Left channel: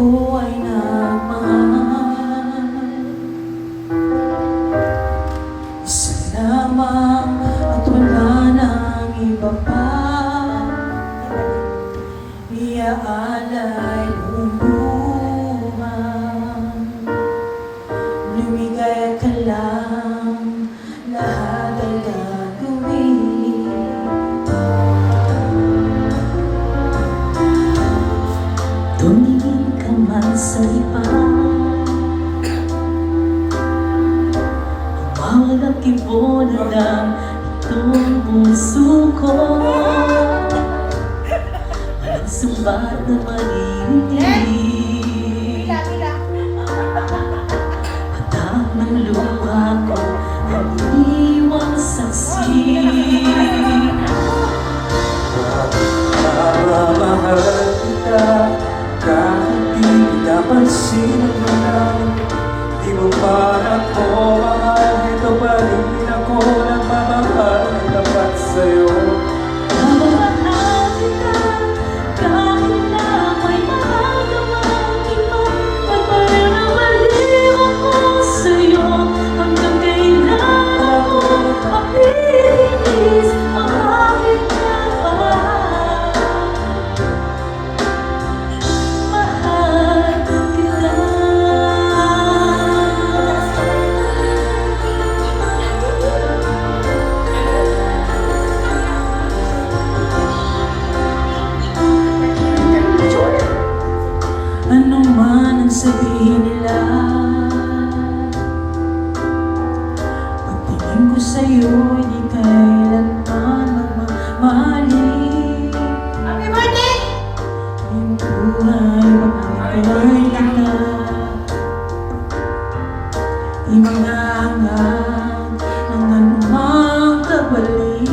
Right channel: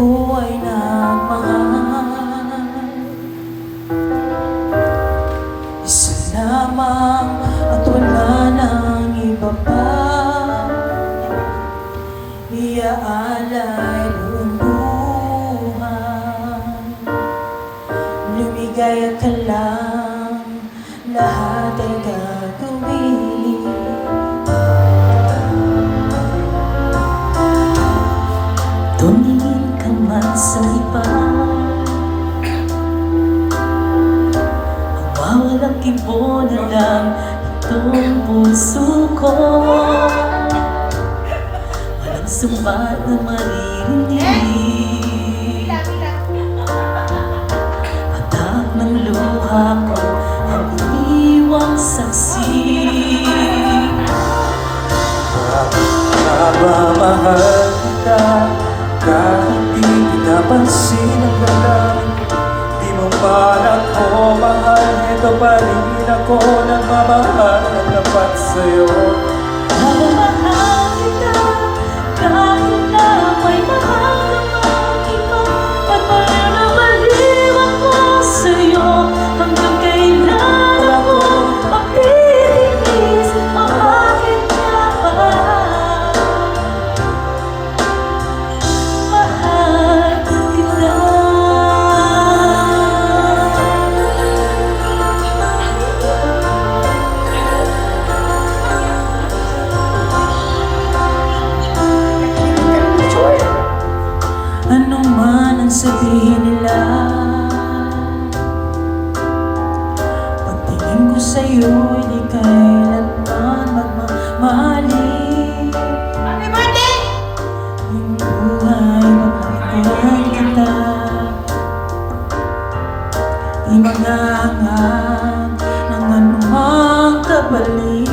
ko ay nagmahal. Isa lamang at wala nang iba pa, iaalay buong buhay. Lumigaya ka lang, lahat ay gagawin. Tumingin ka man sa iba, ang bawat kibo na lang itong puso ko. Walang sumbat na maririnig, patak ng luha ko ang iwang saksi. Mamamahal kita kahit di kita pansin ang lalim. Di mo man ako mahal, ito pa rin ako nagmamahal na tapat sa'yo. Mamamahal kita kahit na may mahal ka mang iba. Pagmaliw na baliw ako sa'yo, hanggang kailan ako mapipigis. Bakit nga ba mahal kita? Ano man ang sabihin nila, pagtingin ko sa'yo ay di kailanman magmamali. Happy birthday! Yung buhay mapapagay kita, di mangangag ng anumang kapalit.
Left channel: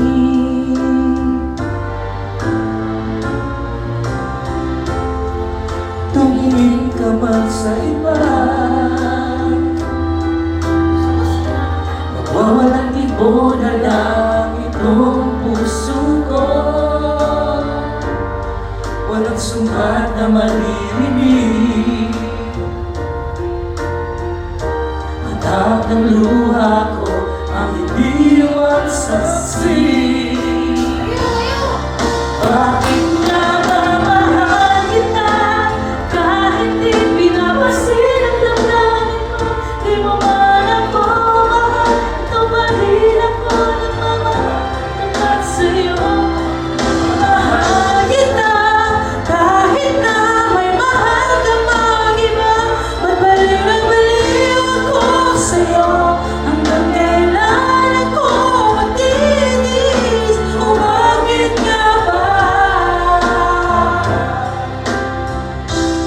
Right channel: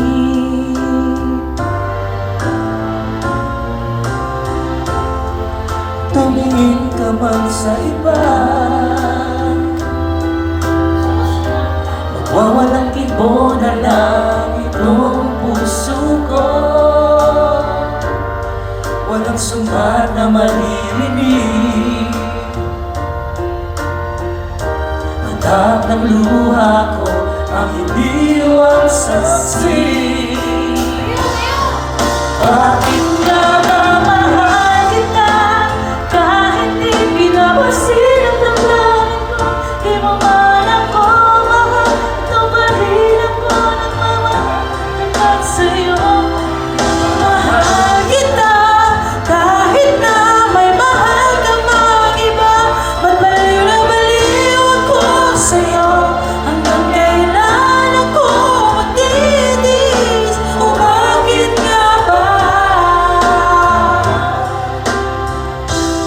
Tumingin ka man sa iba, Wawalang kibo na lang itong puso ko. walang sumbat na maririnig, Patak ng luha ko ang iniwang saksi. Bakit nga ba mahal kita kahit di pinapansin ang damdamin ko? Di mo man ako mahal, ito pa rin ako nagmamahal tapat sa'yo. Mahal kita kahit na may mahal ka mang iba. Ba't baliw na baliw ako sa'yo, hanggang kailan ako matitiis? O bakit nga ba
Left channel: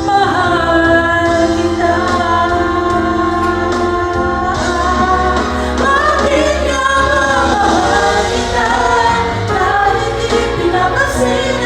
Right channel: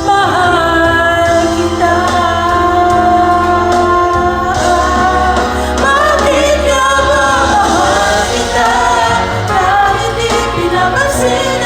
mahal kita? Bakit nga ba mahal kita kahit di pinapansin